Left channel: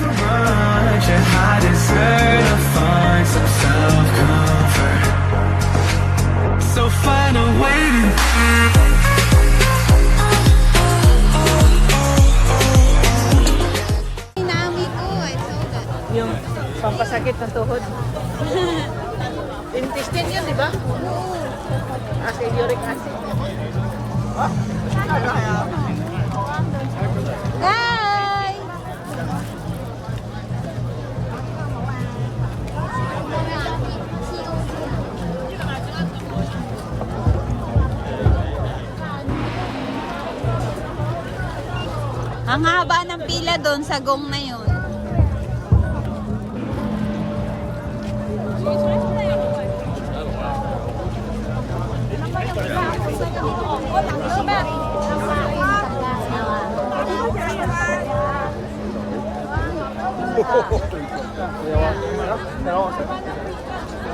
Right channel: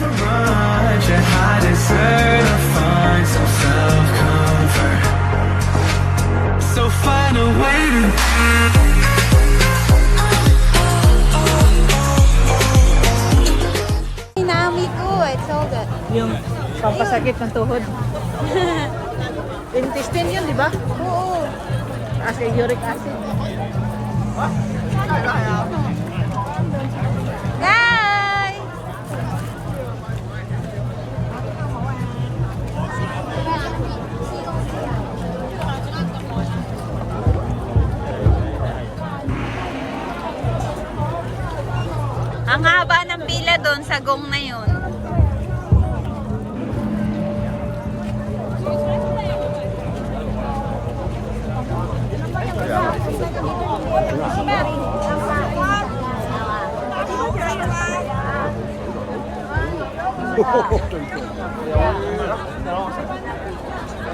for lunch, and I deserve to find some self-comfort. So find a way to Nami ko, it's all good. Yung pampasakit ng tuhod. Intestine yun, di ba? Oo. Kasi uric acid. Bye! Ang haba ng pila doon sa gong na yun.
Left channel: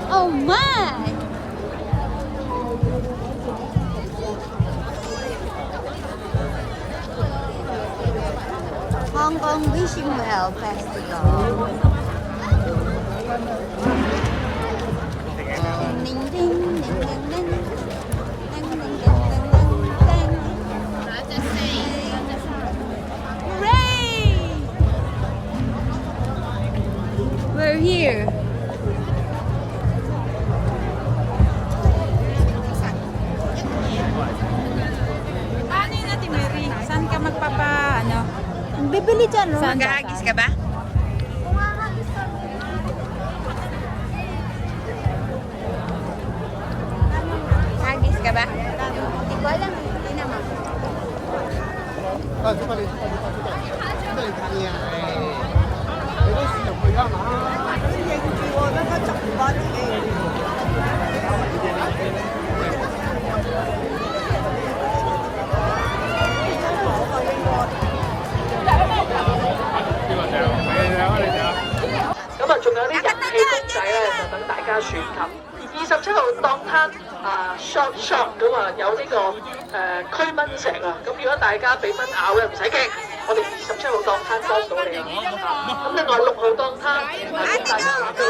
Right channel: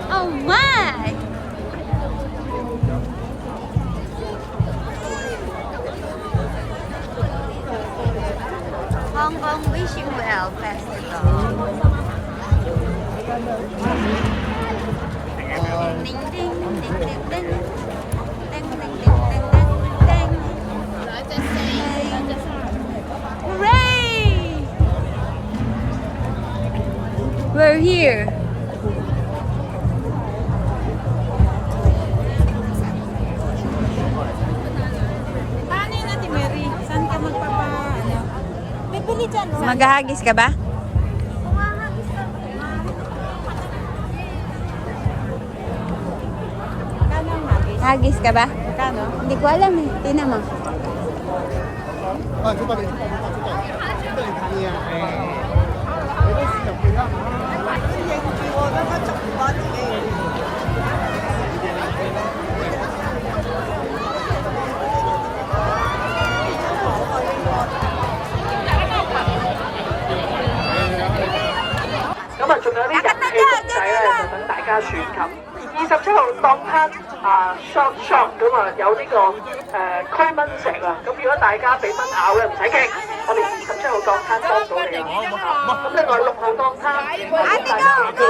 Oh my! Hong Kong Wishing Well Festival. Ding ding ding ding ding ding. Ding ding ding ding ding ding. Hooray! We're here. Paano yun natin, Mary? Saan ka ano? Bibili dyan. Maghahagis ka ba? Hagis ka ba? Hindi ko alam eh. Tingnan mo. Nakatanda! Diyan nila! 27號當攤shop 咁啊有呢個驅蚊食啊，咁如果大家俾蚊咬咧唔使驚，我哋27號當攤幫到你。咁另外6號當攤Ate, go! Go!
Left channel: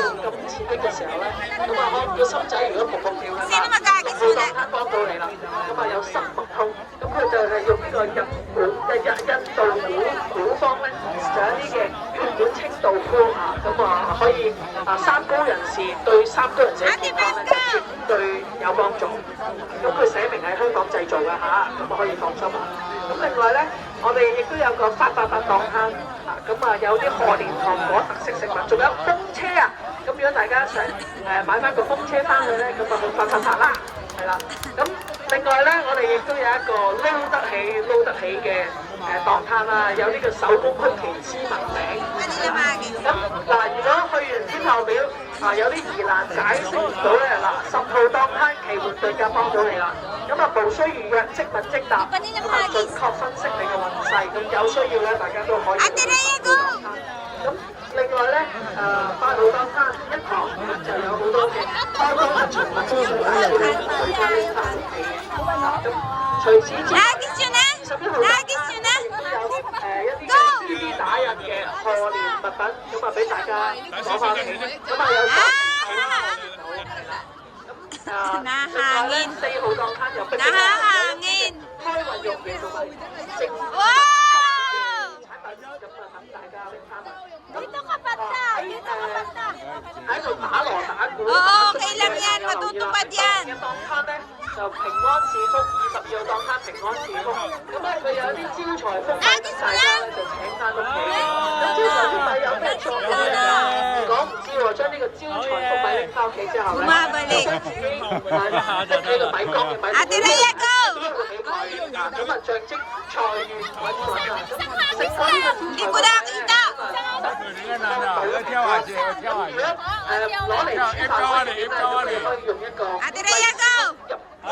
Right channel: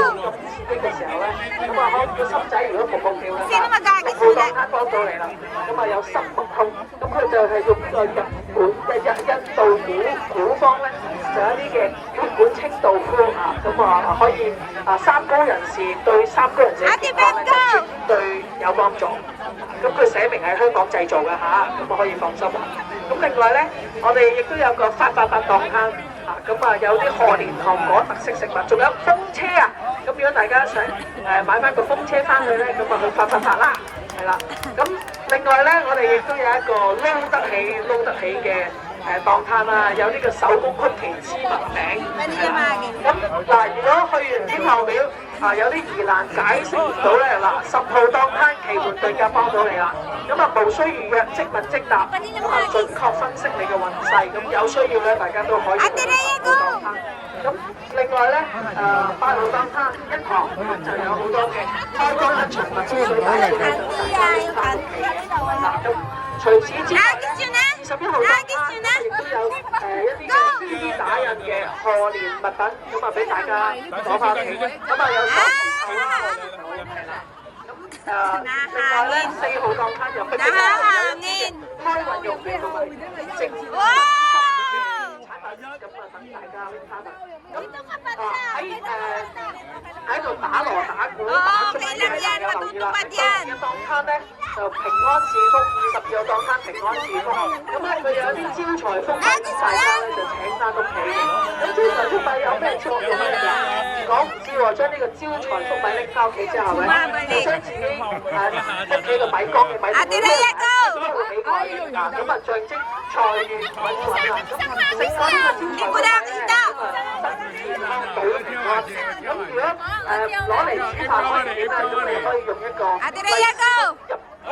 刺激嘅時候咧，咁啊可以心劑如果撲撲跳咧， Sino mag-agis muna? 幫到你啦。咁啊有10號，咁佢就係用呢個日本嘅印度古方咧，有一啲嘅血管清道夫啊，咁啊可以三高人士對三高人士。 Ate, Beth, go! 對有幫助。咁佢寫明係香港製造嘅嚇，咁我可以放心。咁另外咧，我哋亦都有個388檔攤，咁啊有啲賀年糖果特色食物，仲有風車啊！咁如果大家想買翻個風車翻去咧，咁就去888啦，係啦。咁另外咧，我哋亦都有一個撈得起嘅檔攤啊，有呢個手工曲奇芝士餅。 Manila Magis. 咁嗱，如果去完天后廟有啲疑難解釋唔到咧，嗱10號當攤奇門對甲幫到你啦。咁啊，無需預約，即問即答，準確分析你嘅運勢。咁有需要咧，大家都可以。Ate Rhea, go! 咁另外咧，8號當攤一堂就有好多嘅開光嘅循環之類嘅。除此之外， Hagis yun na! 21號 Hagis yun na! 亦都有一啲 CD 打印嘅賀年物品，咁啊俾大家攞翻嚟。咁啊有Nahangin. 4號檔攤有 Nahangin. 開運用嘅食。 Wow! Dito ka pa na! 喺度打鑼打鼓。 Oo, okay lang yan. Matutupad yan. 檔攤咧就平安是福，20個檔攤平安是福。咁咧佢有啲招財福， Hagis mo lang! 就請翻屋企。有招財福米有咩做嘅咧？如果唔知喎，將呢個招財福米拎翻屋企之後咧， Bumabalik. 屋企嘅米缸嘅米。 Ate Rhea, go! 咁啊象徵財源。 Isang hagis lang! Hindi ko nakita! 要跳下去，要跳下去，跳 F 交啊你 ，F 交啊你。 Ate Rhea, go! 好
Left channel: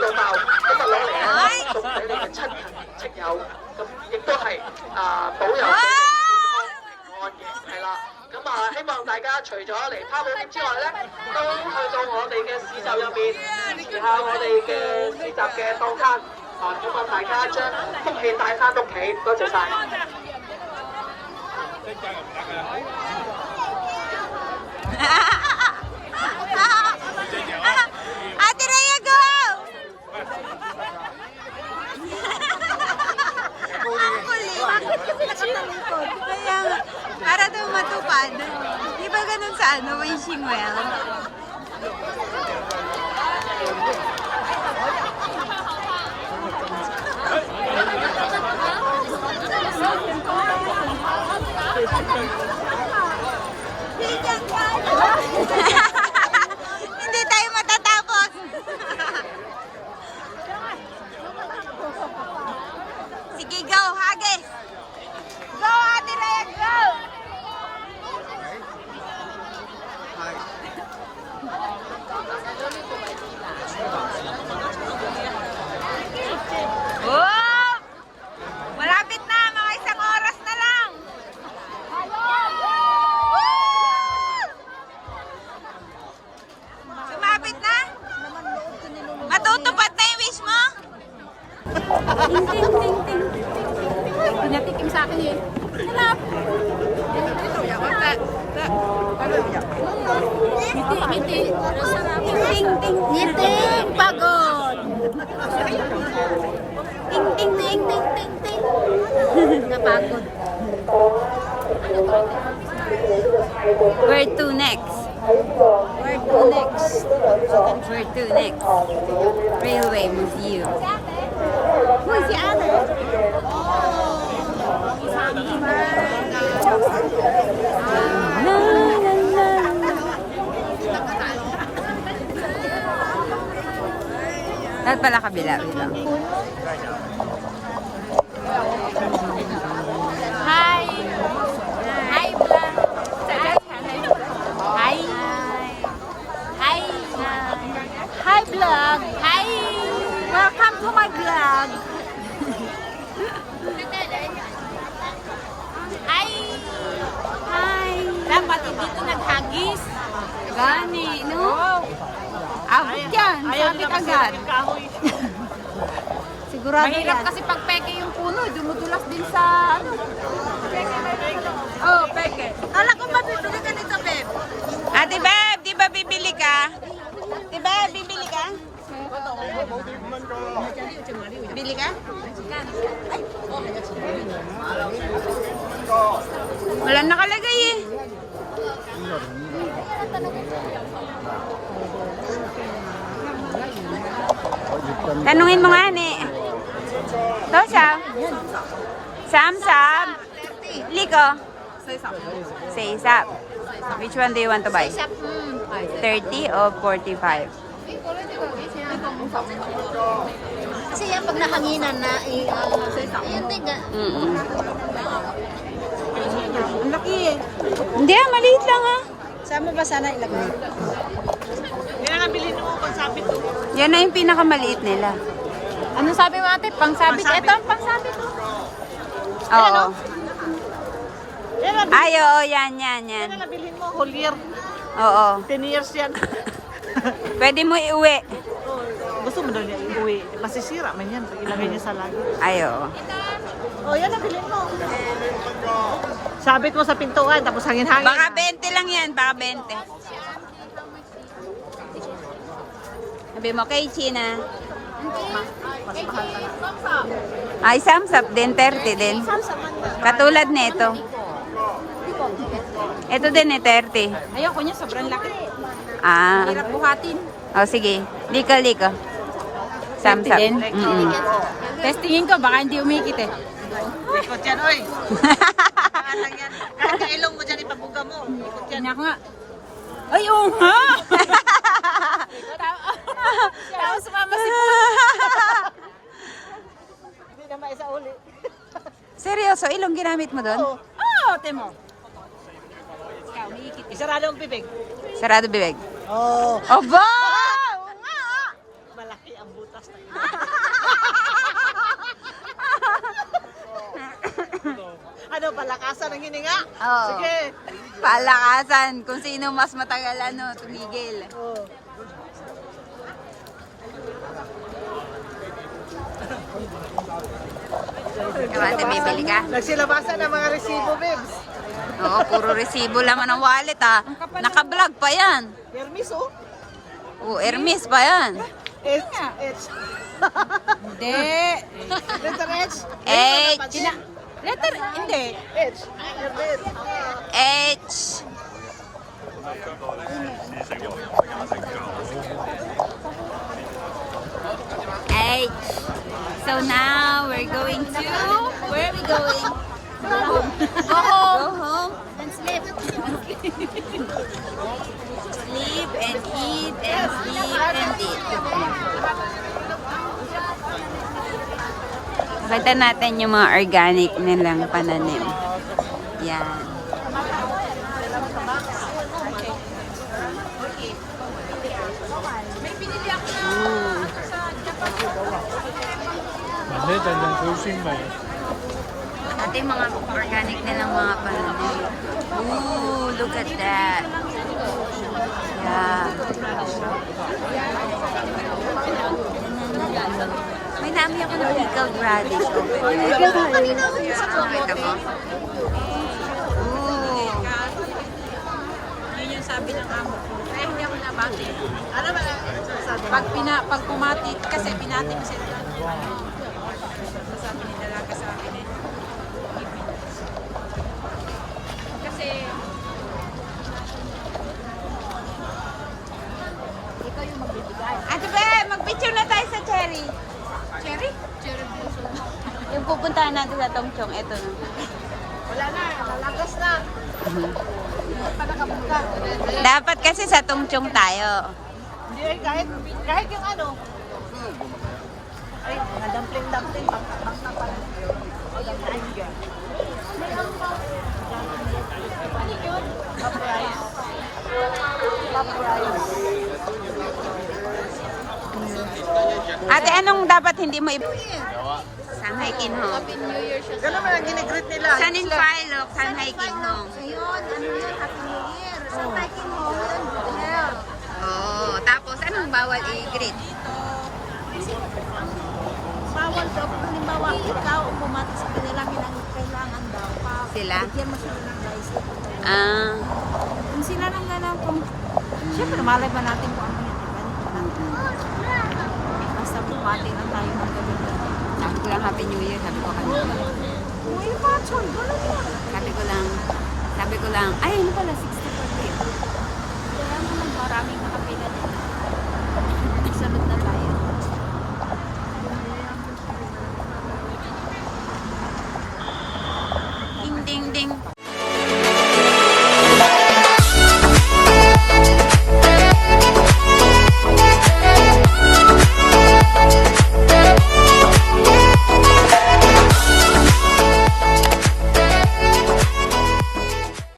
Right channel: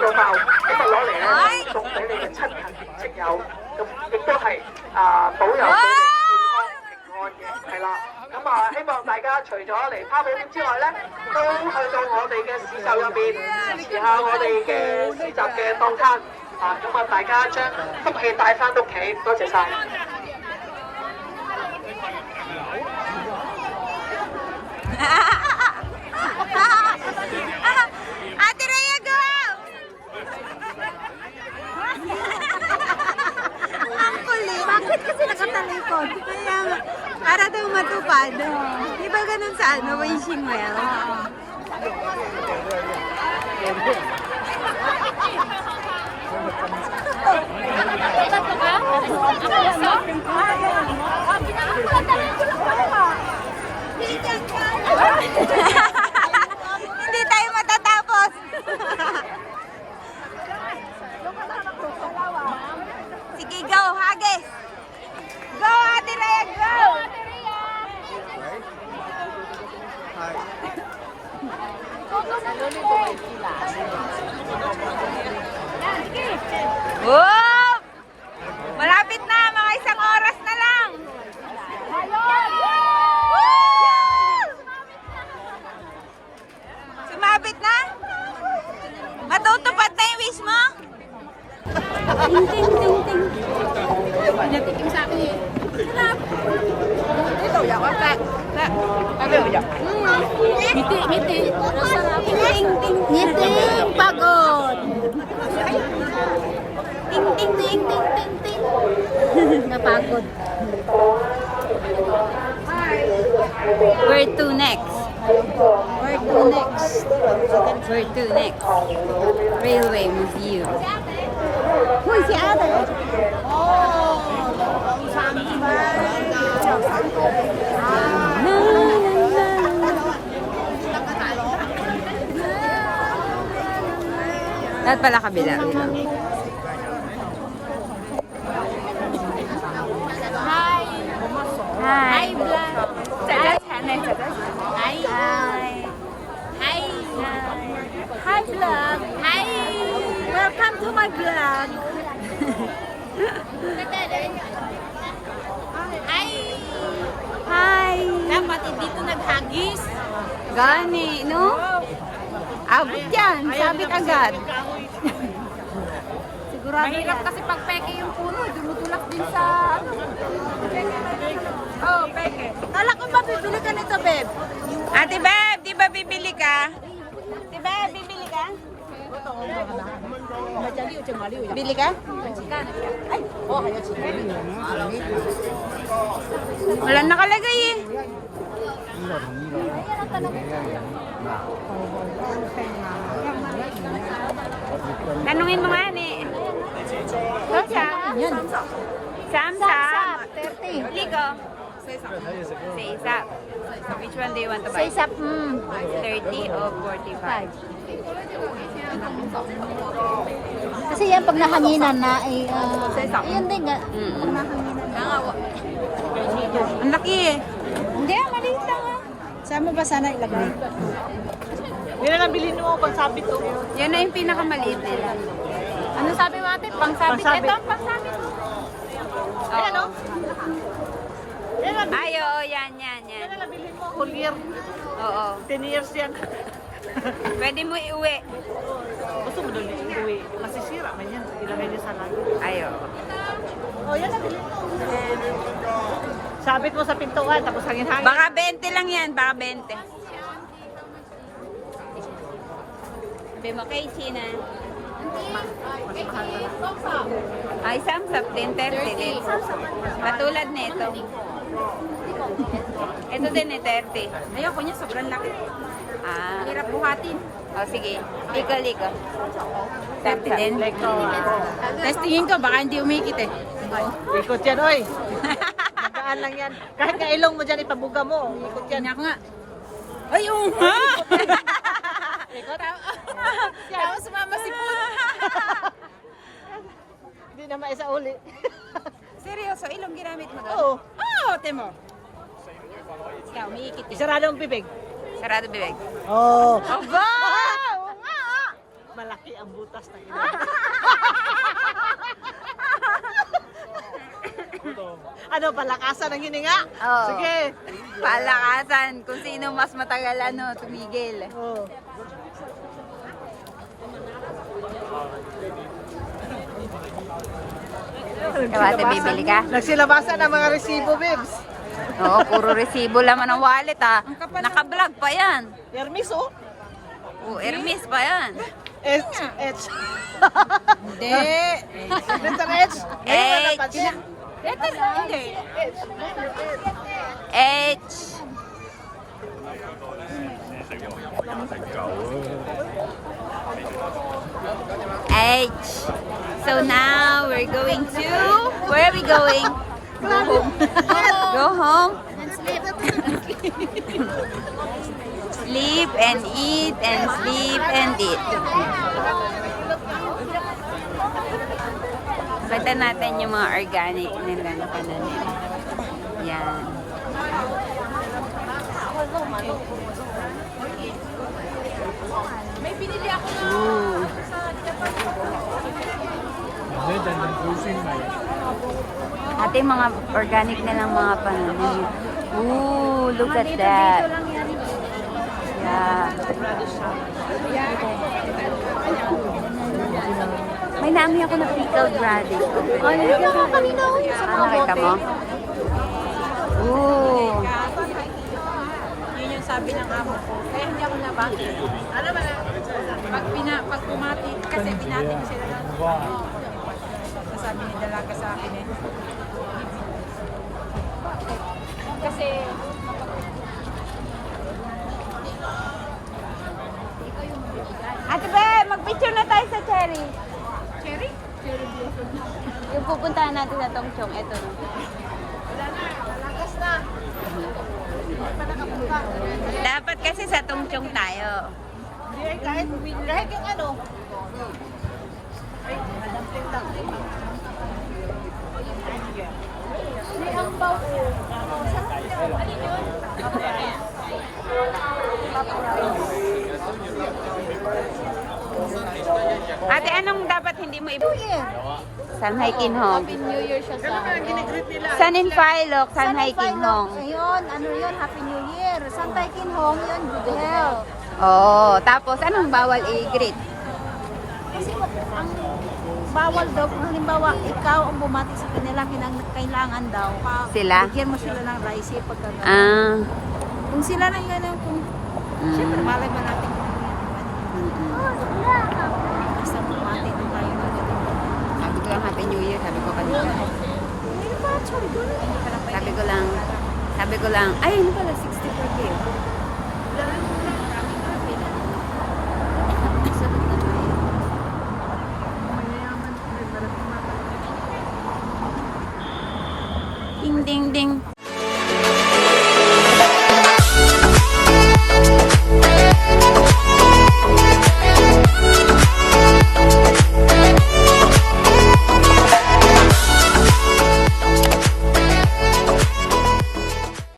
多包，咁啊攞嚟送俾你嘅親朋戚友，咁亦都係保佑。 Wow! 係啦，咁啊希望大家除咗嚟拋寶之外咧，都去到我哋嘅市集入邊支持下我哋嘅市集嘅檔攤，咁啊大家將福氣帶翻屋企，多謝晒。matupad. Di ba ganun sa ano, wishing well? Hindi tayo matatapos. Sige, go, Hagis. Go, Ate Rhea, go. Whoop! Malapit na, mga isang oras na lang. Woo! Sumabit na? Matutupad na yung wish mo? Ting, ting, ting, ting. Pinatikim sa akin yun. Sarap. Miti, miti. Sarap. Ting, ting, ting. Ting, pagod. Ting, ting, ting, ting, ting, ting. Napagod. Where to next? Where to next? Where to next? Railway Museum. Uy, si ate. Dapat pala kabila. Wait lang. Hi. Hi, vlog. Hi. Hi. Hi. Hi. Hi, vlog. Hi. Welcome to my vlog. Hi. Hi. Dapat dito naghagis. Gani, no? Abot yan. Sabit agad. Sigurado yan. Mahirap kasi pag peke yung puno, dumudulas din sa oh, peke. Kala ko mabibili ka nito, Beb. Ate Beb, di ba bibili ka? Ate Beb, bibili ka? Bili ka? Wala nakalagay eh. Tanungin mo nga ni. Sam? Sam? Liko? Say up. Which one do you want to buy? 30 or 45? Kasi yan pag nahanginan na ay yun din ga. Ang laki eh. Hindi ah, maliit lang ah. Sama ba sana ilagay? Yan ang bilhin mo pag sabit ko. Yan na yung pinakamaliit nila. Anong sabi mo ate? Pangsabit. Pangsabit. Ito, pangsabit. Oo. Yan ang Ay, oo, yan. bilhin mo. Whole year. Oo. 10 years yan. Pwede mo iuwi. Gusto mo dali uwi. Masisira man yan. Ilagay niya sa lagi. Ay, oo. O yan ang bilhin mo. Sabit mo sa pintuan tapos hangin-hangin. Baka 20 lang yan, baka 20. Sabi mo kay China. Mas mahal pa na. Ay, samsap din, 30 din. Katulad nito. Ito din eh, 30. Ayoko niya, sobrang laki. Ah. Hirap buhatin. O, sige. Liko. Samsap. Testingin ko, baka hindi umikit eh. Ikot yan, oy. Daan lang yan. Kahit kailong mo dyan, ipabuga mo. Tingnan ko nga. Ay, oo nga! Tapos sumama si Hindi na maisauli. Seryoso, ilong ginamit mo doon? Oh, temo. Ikaw, umiikit eh. Isarado ang bibig. Sarado bibig. Oo. Oba! Oo nga! Malaki ang butas. Ano, palakasan ang hininga? Oo. Sige. Palakasan. Kung sino mas matagal tumigil. Ikaw ate, bibili ka? Nagsilabasan ang mga resibo, Bibs. Oo, puro resibo laman ng wallet ah. Naka-vlog pa yan. Permis, oh. Oo, Hermes pa yan. H. Hindi. Ito, H. H. Letter, hindi. H. H. H. So now we're going to, where are we going? Go home. Go home. And sleep. Sleep and eat and sleep and eat. Punta natin yung mga organic nilang pananim. Yan. Ooh. Ate, mga organic nilang mga pananim. Ooh, look at that. Yeah. May nami ako na pickled radish over there. Nakita mo? Ooh. Yun yung sabi ng amo ko. Kaya hindi ako nabati. Ano ba lang? Pag pumati, kasi binati ko sila lang. Sabi nila lang ka sa akin eh. Kasi, Ate Be, mag-picture na tayo sa cherry. cherry? Cherry blossom. Yung pupuntahan natin sa Tongchong. Ito na. Wala na, malagas na. Dapat kasi sa Tongchong tayo. Hindi, kahit yung ano. Ay, dumpling. May ambaw ko. Ate, anong dapat hindi mo Sanhay Kinhong. Gano'n man ang ginigreet nila. Sanin Philok, Sanhay Kinhong. Ayun, ano yan, Happy New Year. Saan tayo kinhong yun? Good health. Oo, tapos anong bawal i-greet? Bawal daw kung halimbawa ikaw ang bumati sa kanila kailangan daw. Sila? Bigyan mo sila ng rice pag Ah. kung sila lang gano'n, kung siyempre malay ba natin kung ano basta bumati ng tayo ng gabi. Sabi ko lang Happy New Year, sabi ko kanina. May bachelor, gano'n. Sabi ko lang, ay ano pala, 64 kayo.